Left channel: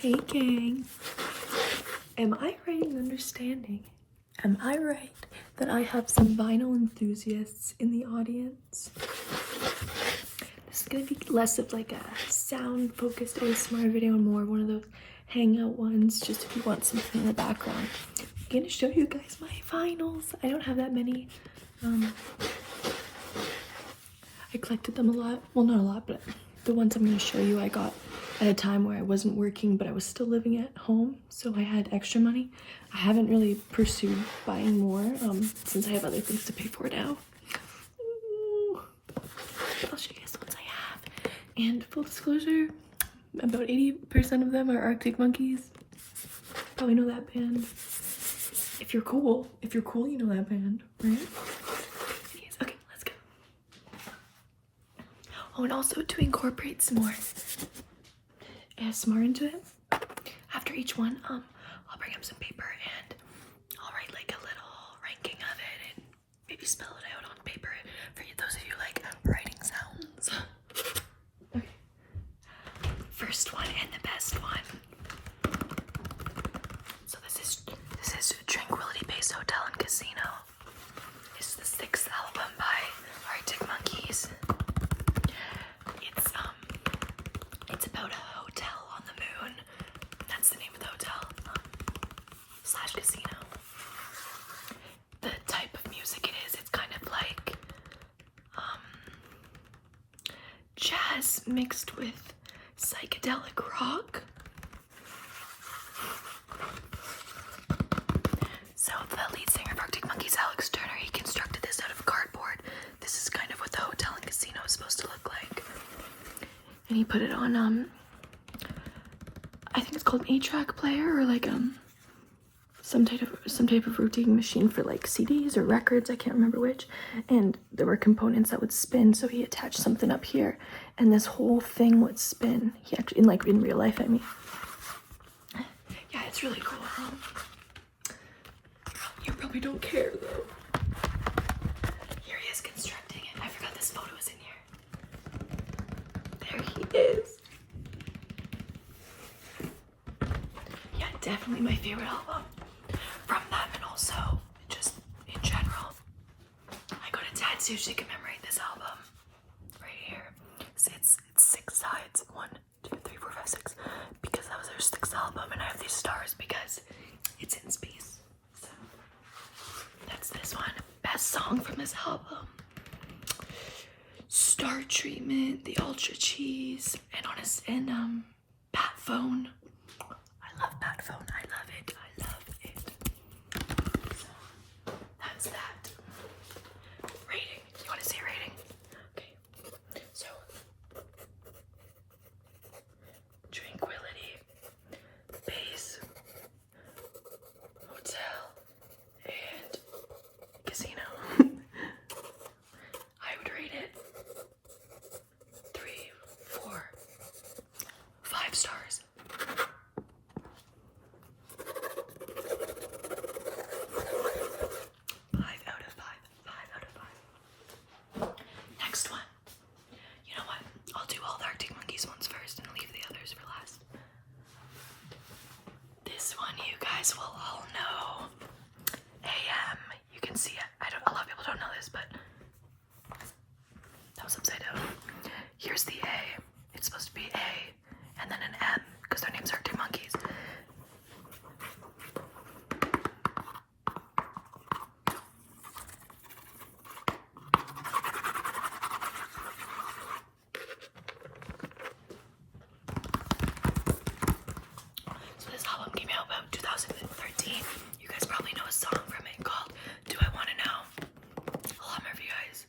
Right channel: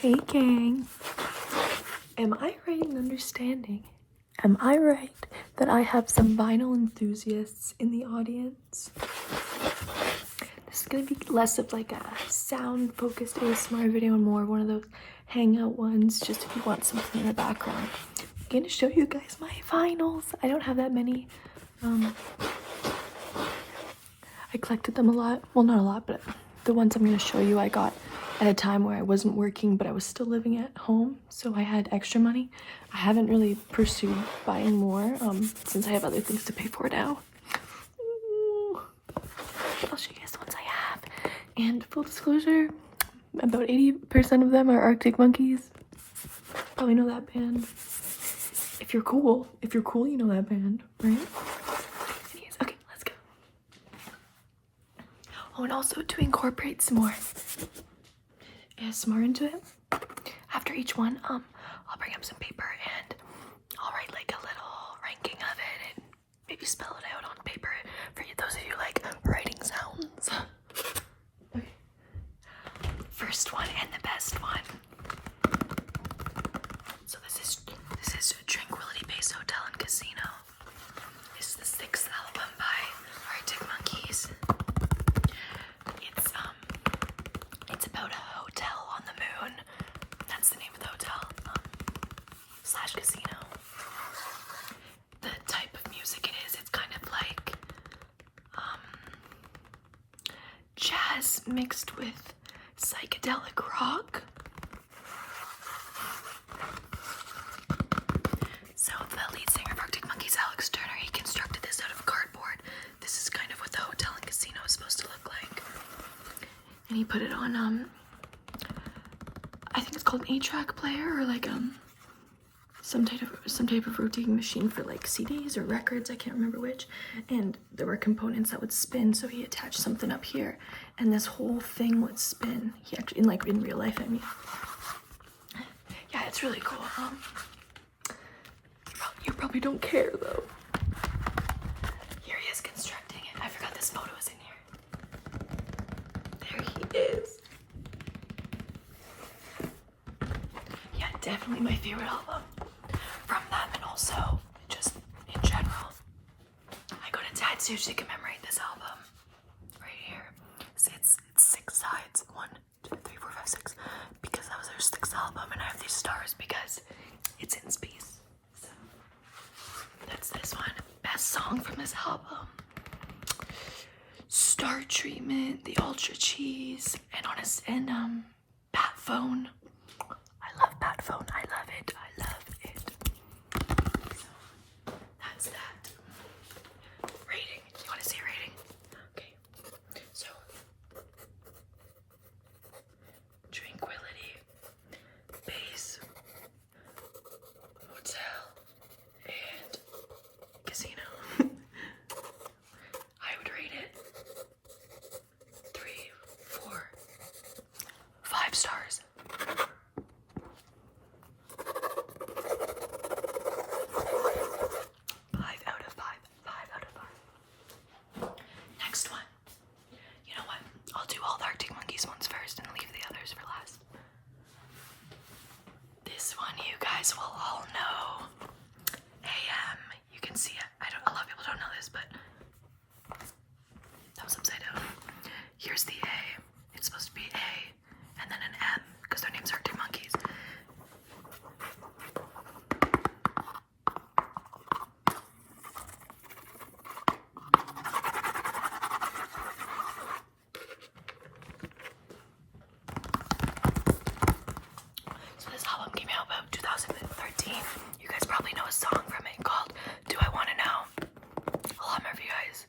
Hey gang, am I right in understanding? Am I right that I have some vinyl enthusiasts in the audience? This is gonna be less of like a sound focused ASMR video and more one of those hangout ones, just if you want something in the background. I'm gonna show you guys my vinyls. I don't have that many. I collected them a lot. Well, not a lot, but the ones I'm gonna show you I got at a time where I wasn't working, but I was still living at home, so I had extra money. I haven't really pursued buying more, since I have other things to pay for now. Ooh. But I'll show you guys the ones I have. And full disclosure, about 80% of them are Arctic Monkeys. Probably know that band. If you're cool, you know that band, right? Okay, let's go. Oh, and also to incorporate some more ASMR into it, after each one, I'll bring up some paper and I'll write like a little ranking of it and maybe spell it out on paper for you, those of you like writing sounds. Okay, first one and the best one. So this is Tranquility Base Hotel and Casino. It's the 6th album by Arctic Monkeys. It's about a hotel on the moon. That's the name of the hotel, slash casino. The type of music it is, it's kind of like jazz mixed with psychedelic rock. So the lead singer of Arctic Monkeys, Alex Turner, he constructed this out of cardboard. This is kind of what the hotel and casino is supposed to look like. And he put it on, I think it's called an 8-track player, or like some type of rotating machine for like CDs or records, I can't remember which. And there were components that would spin, so he attached something up here, and this whole thing would spin. He actually, in real life, I mean. Yeah, it's really cool. You probably don't care though. Here he is constructing it. I forgot this photo was in here. There he is. Yeah, definitely my favorite album from them, and also just in general. I got a tattoo to commemorate this album right here. See, it's 6 sides. 1, 2, 3, 4, 5, 6. Because that was their 6th album, and I have these stars because it's in space. So that's this one. Best song from this album: Star Treatment, The Ultra Cheese, and Bat Phone. I love Bat Phone. I love it. I love it. So, that's that. Rating. You want to see rating? Okay. So, Tranquility Base Hotel and Casino. I would rate it 3, 4, 5 stars. 5 out of 5. 5 out of 5. Next one. You know what? I'll do all the Arctic Monkeys ones first and leave the others for last. This one you guys will all know. AM. You can see it. A lot of people don't know this, but that was upside down. Here's the A. It's supposed to be A and then an M because their names are Arctic Monkeys. So this album came out about 2013. You guys probably know a song from it called Do I Want to Know? I'll hum for you guys.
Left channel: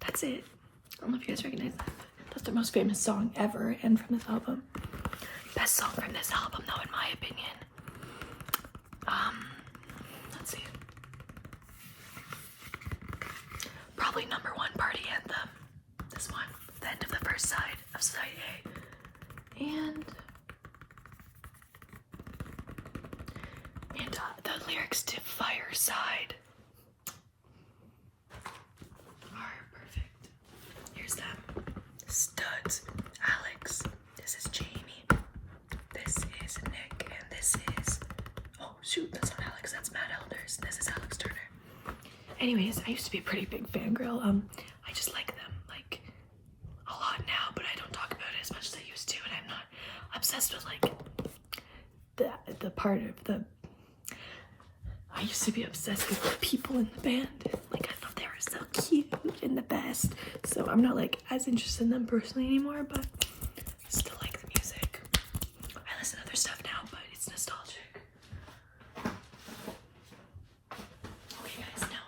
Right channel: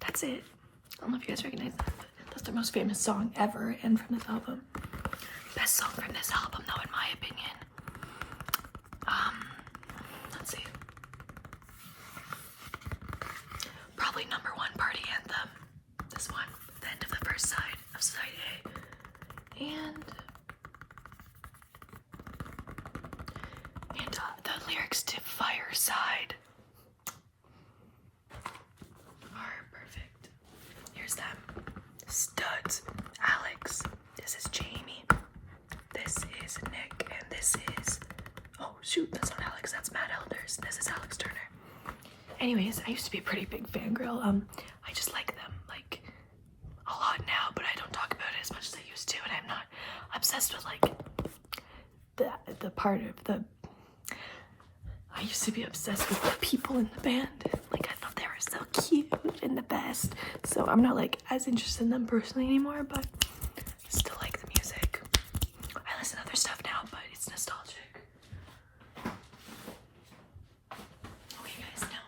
That's it. I don't know if you guys recognize that. That's their most famous song ever, and from this album. Best song from this album, though, in my opinion. Let's see. Probably number 1, Party Anthem. This one, the end of the first side of side A. And the lyrics to Fireside. Anyways, I used to be a pretty big fangirl. I just like them like a lot now, but I don't talk about it as much as I used to, and I'm not obsessed with like the part of the. I used to be obsessed with the people in the band. Like I thought they were so cute and the best. So I'm not like as interested in them personally anymore, but I still like the music. I listen to other stuff now, but it's nostalgic. Okay, guys, now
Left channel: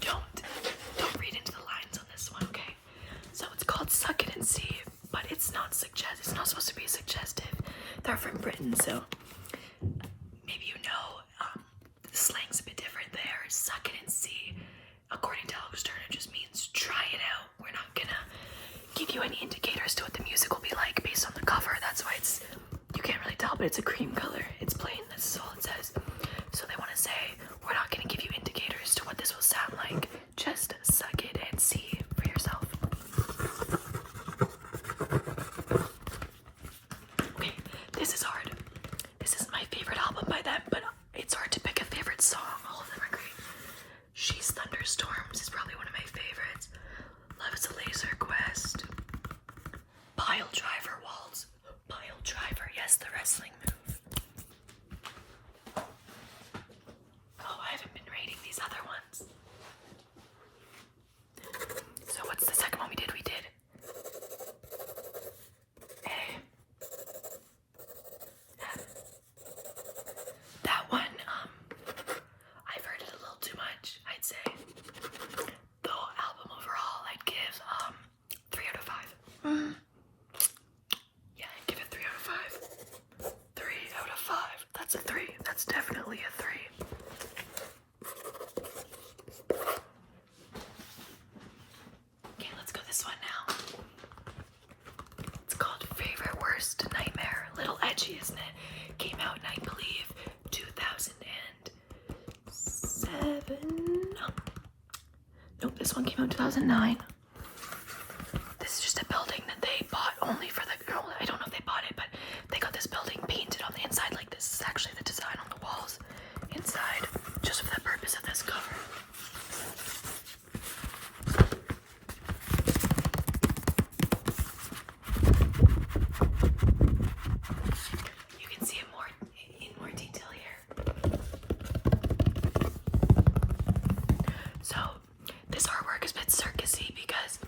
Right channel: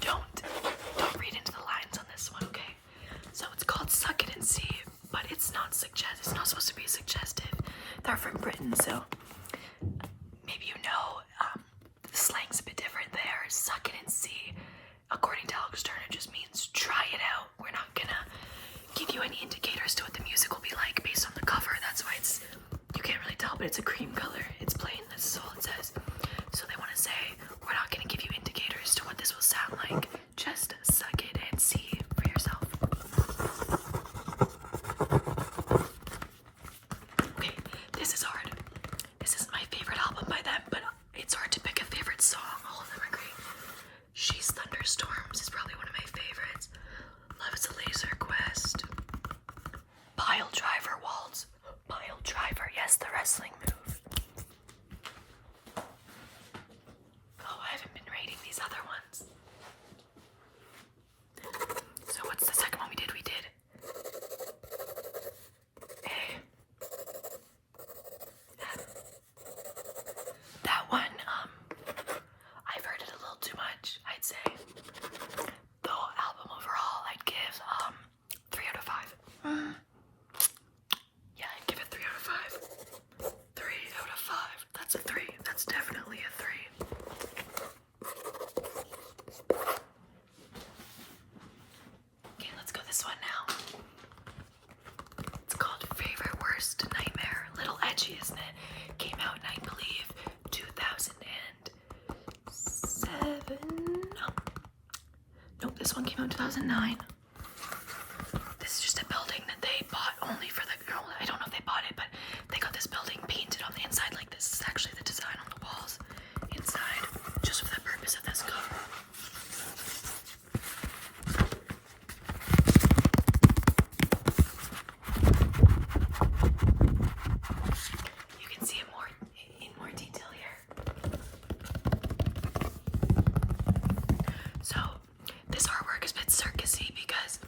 don't read into the lines on this one, okay? So it's called "Suck It and See," but it's not It's not supposed to be suggestive. They're from Britain, so maybe you know. The slang's a bit different there. Suck it and see. According to Alex Turner, just means try it out. We're not gonna give you any indicators to what the music will be like based on the cover. That's why you can't really tell, but it's a cream color. It's plain, this is all it says. So they want to say, we're not gonna give you indicators to what this will sound like. Just suck it and see for yourself. Okay, this is hard. This is my favorite album by them, but it's hard to pick a favorite song. All of them are great. She's Thunderstorms is probably one of my favorites. Love is a Laser Quest. Pile Driver Waltz. Pile Driver, yes, the wrestling move. Oh, I haven't been rating these other ones. So what's the second one we did? We did A. M. That one, I've heard it a little too much, I'd say. The whole album overall, I'd give 3 out of 5. Yeah, I'd give it 3 out of 5. 3 out of 5. That's a 3. That's definitely a 3. Okay, let's go this one now. It's called Favorite Worst Nightmare. A little edgy, isn't it? Came out in, I believe, 2007. Nope, this one came out in 2009. This is just a building that they bought only for the girl. I don't know if they bought it, but they got this building painted on the inside like this. Is actually the design on the walls inside, just for the purpose of this cover. You can see it in more detail here. So this artwork is a bit circusy because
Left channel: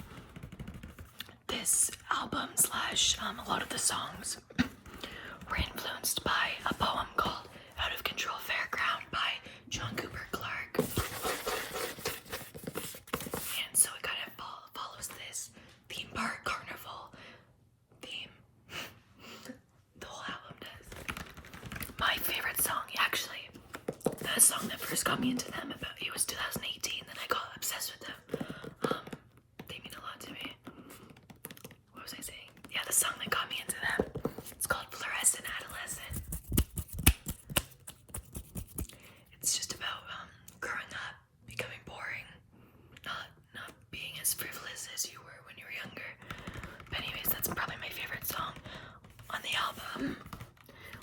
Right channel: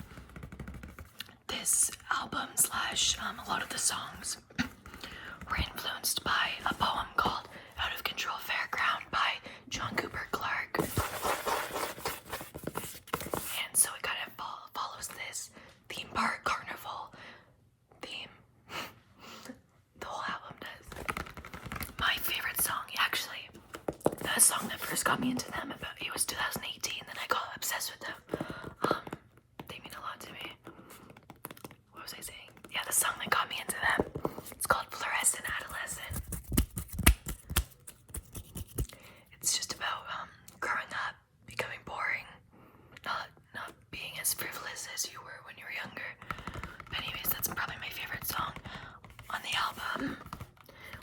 this album slash a lot of the songs were influenced by a poem called "Out of Control Fairground" by John Cooper Clarke. And so it kind of follows this theme park carnival theme. The whole album does. My favorite song, actually, the song that first got me into them, it was 2018, then I got obsessed with them. They mean a lot to me. What was I saying? Yeah, the song that got me into them. It's called Fluorescent Adolescent. It's just about growing up, becoming boring, not being as frivolous as you were when you were younger. But anyways, that's probably my favorite song on the album.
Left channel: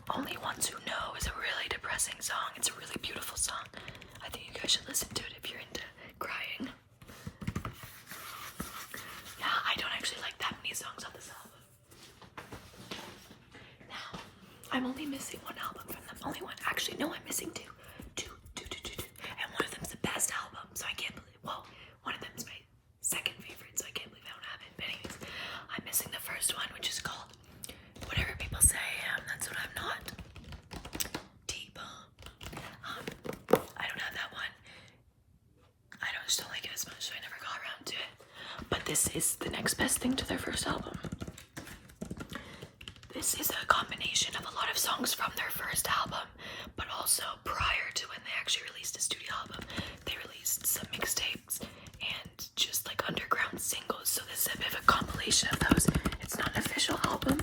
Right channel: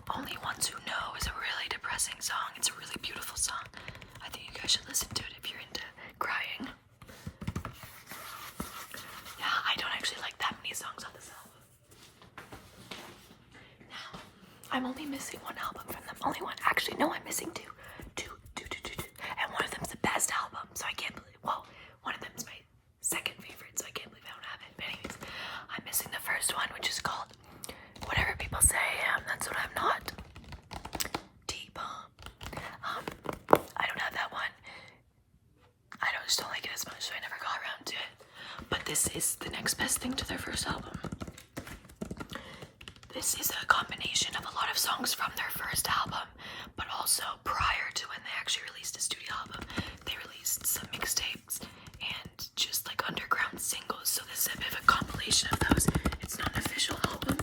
Only Ones Who Know is a really depressing song. It's a really beautiful song. I think you guys should listen to it if you're into crying. Yeah, I don't actually like that many songs on this album. Now, I'm only missing one album from them. Only one. Actually, no, I'm missing two. Two. And one of them's the best album, so I can't believe, well, one of them's my second favorite, so I can't believe I don't have it. But anyways, I'm missing the first one, which is called Whatever People Say I Am, That's What I'm Not. T-Bomb. I don't have that one. I just don't like it as much, so I never got around to it. But this is the next best thing to their first album. This is a combination of a lot of songs from their first album, but also prior to when they actually released a studio album, they released some mixtapes and just like underground singles. So this is a bit of a compilation of those. It's not an official album.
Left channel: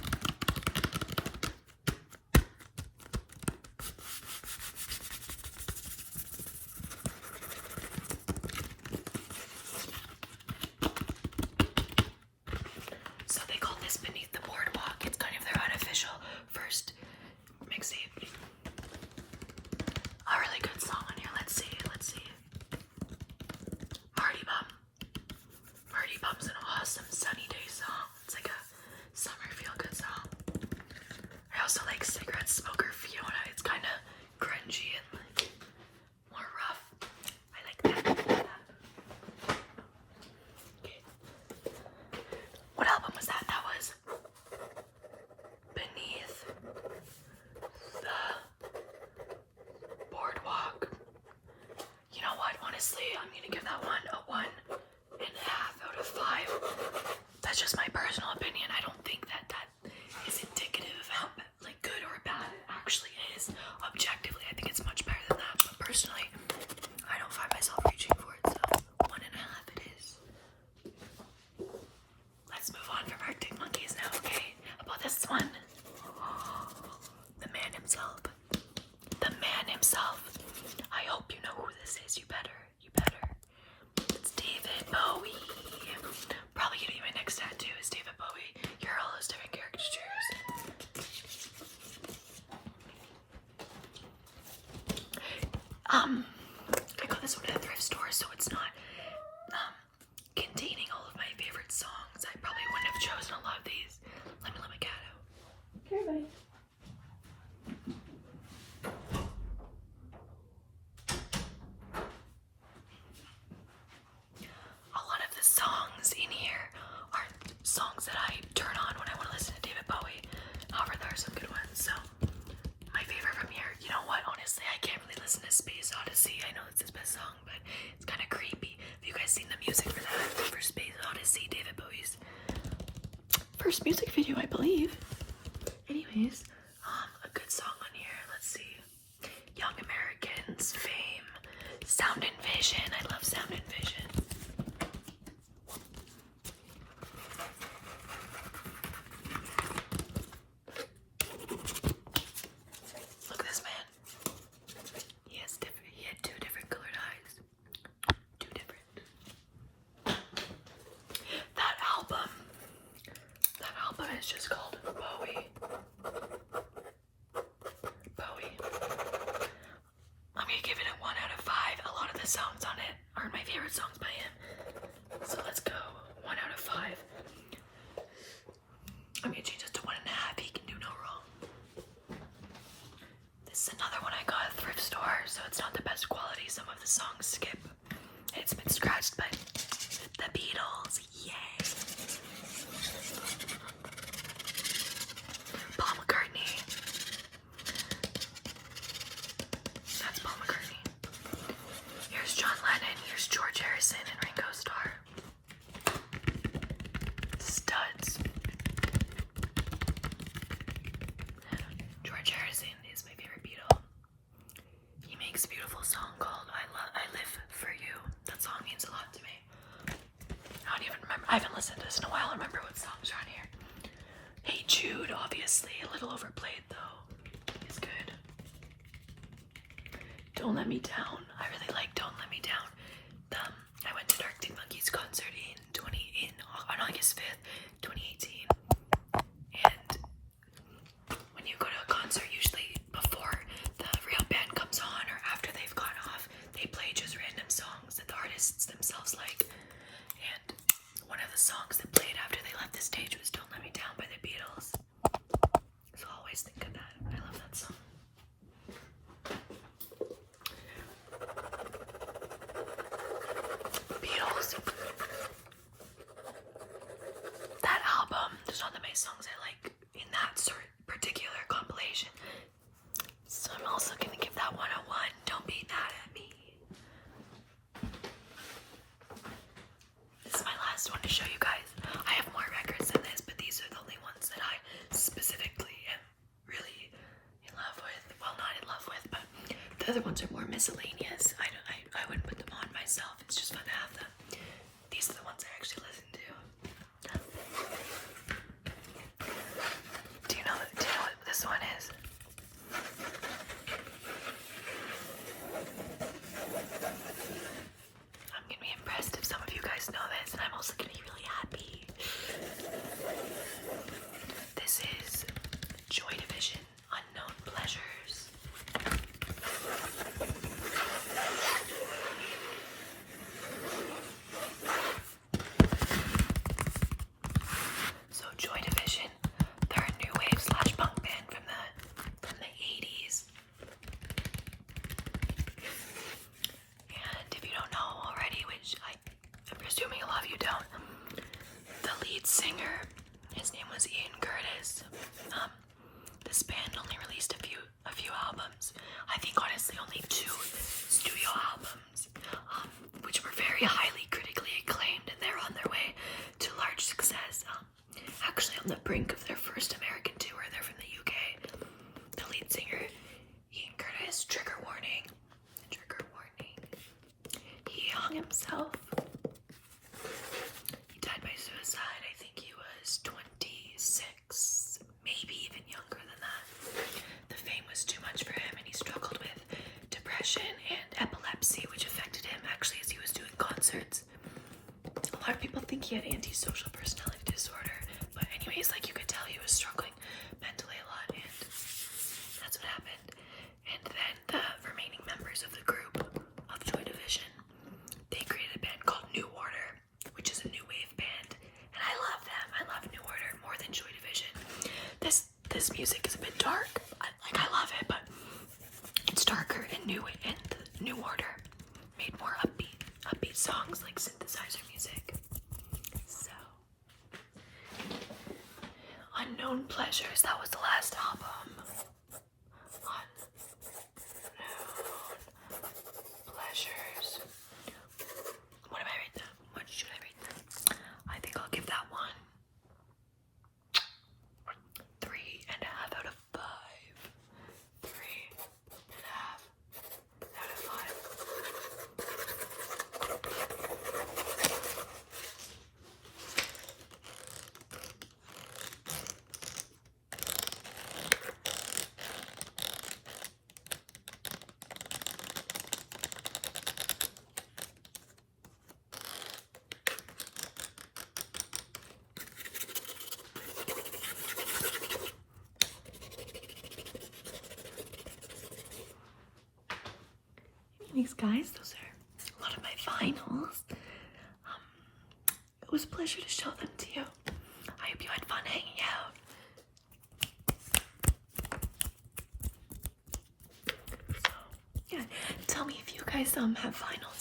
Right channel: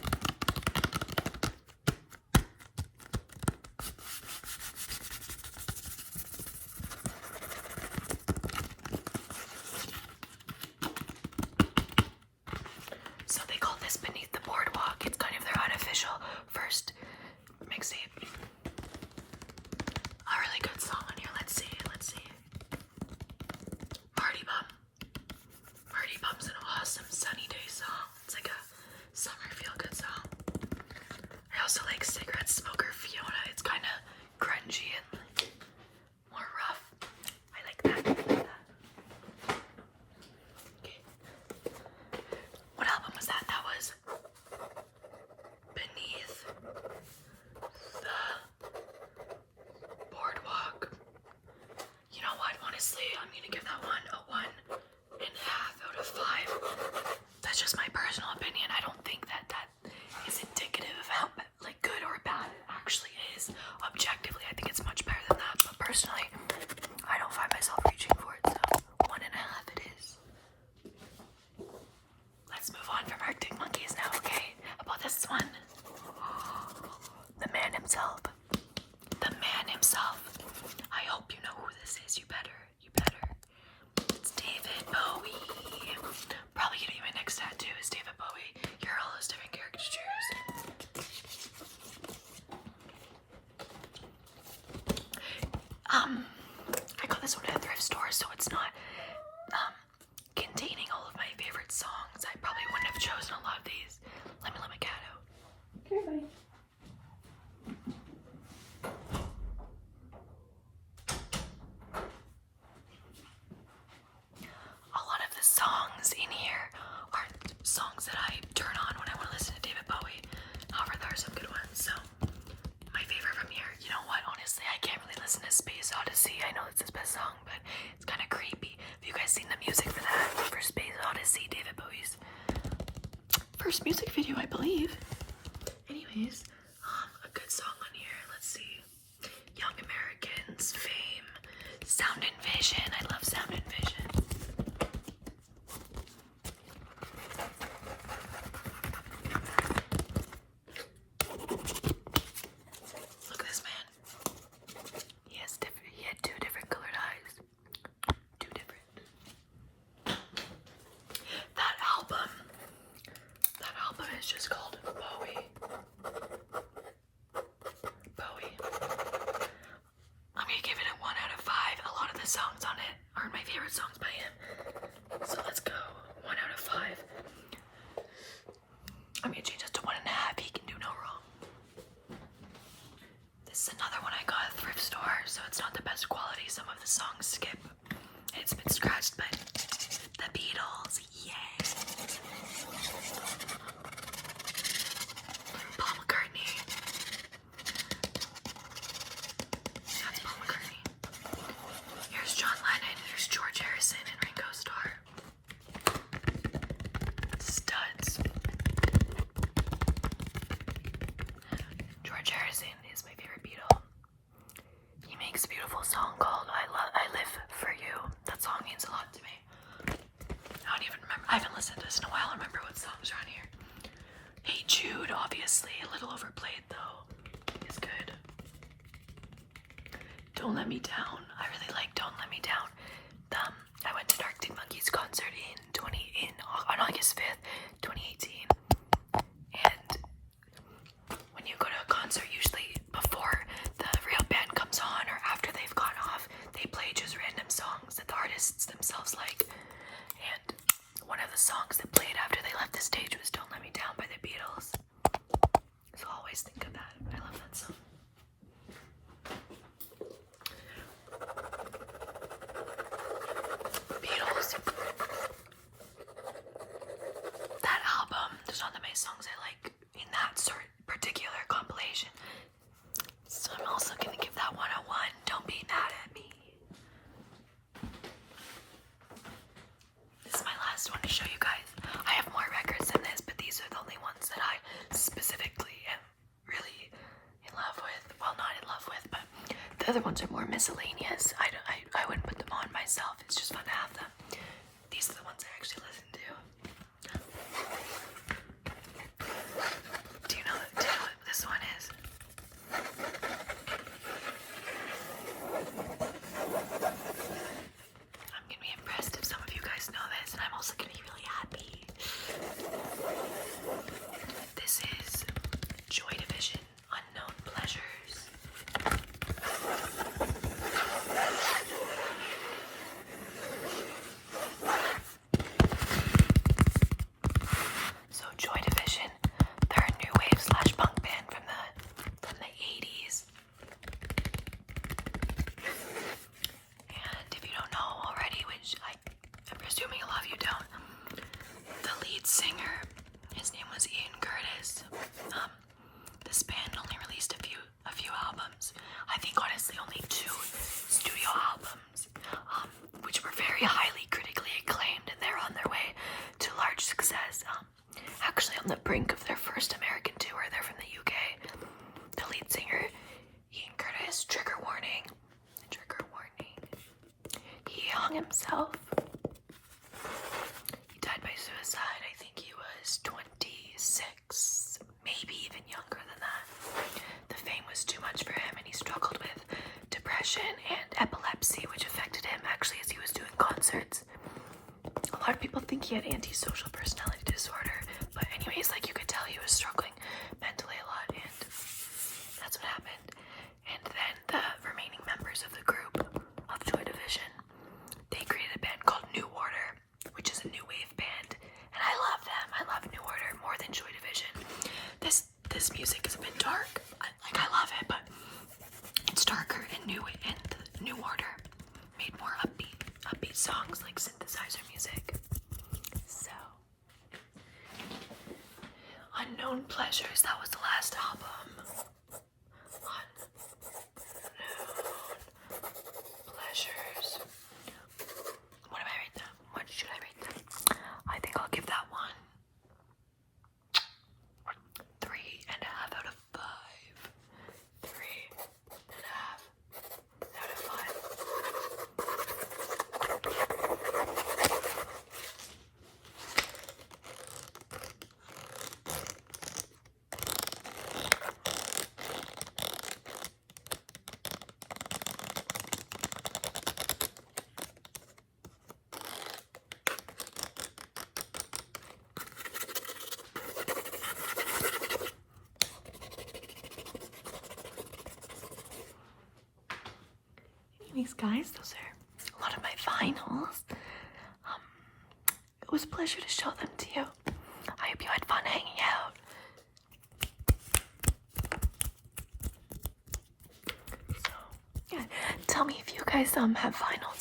So they call this Beneath the Boardwalk. It's kind of their unofficial first mixtape. A really good song on here. Let's see. I'm gonna give that one a 1.5 out of 5. That's just my personal opinion. I don't think that is indicative of how like good or bad it actually is. Objectively, I think it's much better than that. But personally, I don't find myself reaching for it, so 1.5 it is. Let's move on from Arctic Monkeys now, okay? How about this one? The man himself. The man himself. I hope you know who this is. You better. It's David Bowie. Probably gonna be my next tattoo is David Bowie. You're all those different caricatures. I got this one at a thrift store, so it's not containing all of my favorite songs. I probably wouldn't have chosen a lot of these. Let me let my cat out. Okay, buddy. A lot of the songs in here aren't songs that I turn on when I want to listen to David Bowie. However, there are some good ones. So, my favorite from here, you know what? Honestly, I can't really listen to Space Odyssey. I know it's his best song, but it's kind of creepy. Have you guys seen the music for that? For Space Odyssey, David Bowie's first music video, I believe. Anyways, a good song on here. Let's see. Young Americans, Fame, Sound and Vision. I love Sound and Vision. Look at this man. He had 2 different colored eyes. 2 different. That album is just called Bowie. I'm gonna give it a 1 out of 5. A lot of the songs on it aren't my favorite songs by him. So let's go 1 out of 5. I'm gonna change it to 1.5. He can do no wrong. This is another one I got at a thrift store, so it's not the best quality. Some of the songs skip. It's been scratched, but the Beatles, yay. Paul McCartney. That's Paul McCartney. Here's John Lennon. Here's George Harrison and Ringo Starr. Studs. George Harrison is my favorite Beatle. He makes a beautiful song called I Live For You. That song means a lot to me. I don't even remember. I haven't listened to this in a while. I remember what songs are on here. Hey Jude, obviously. A little overplayed though. It's good. Don't Let Me Down. I really like Don't Let Me Down. I went to Arctic Monkeys concert on August 5th, 2018. And when you go to a concert, usually before the real band comes on or after they've gone off, they play just random songs that the artists themselves like. And one of the songs that played after they left the stage was Don't Let Me Down by the Beatles. So I'll always think of that. I love that song. Beatles. That album, there's not that many songs I like in that particular compilation. So I'm also gonna give that one a 1. Don't be mad at me. This is my last one to show you guys. I have more records than this, but these are the only ones that I specifically am really in love with. Well, not in love with, but the other ones are more miscellaneous. I wouldn't put them on myself. It's just fun to have them. These are the ones I actually listen to. Do you know what this one is? I'm gonna be impressed if some of you guys know this, and I'm also gonna be really happy. This is Joy Division, Unknown Pleasures. So Joy Division, they're a new wave / punk band from the 80s. And if you don't know already, which I'm presuming a lot of you don't, the lead singer, his name was Ian Curtis. This band only released a few albums. I think honestly only 2 studio albums. himself. He died by suicide. I think he was 26, maybe even younger than that. The fame was too much for him, and he struggled with depression and epilepsy, which affected him actually as he was doing concerts. A lot of people think he had antisocial personality disorder, but anyways, like, you could tell he was struggling mentally a lot, and that's what happened. And then the remaining members of the group of Joy Division, they created a band called New Order, which is a new wave band, and I love them. I love New Order more than Joy Division. This music is a bit dark. I love it, but it's darker and New Order made more upbeat songs, like synthesizer music. So, Unknown Pleasures, that was the last album. Unknown Pleasures. What am I rate them? What should I rate them? I think I'll give that one 3.5 out of 5. 3.5 out of 5. Anyways, guys, those are a lot of my vinyls. It was a pleasure to show them to you. I hope you had fun hanging out. So, yeah, tell me if you guys have vinyls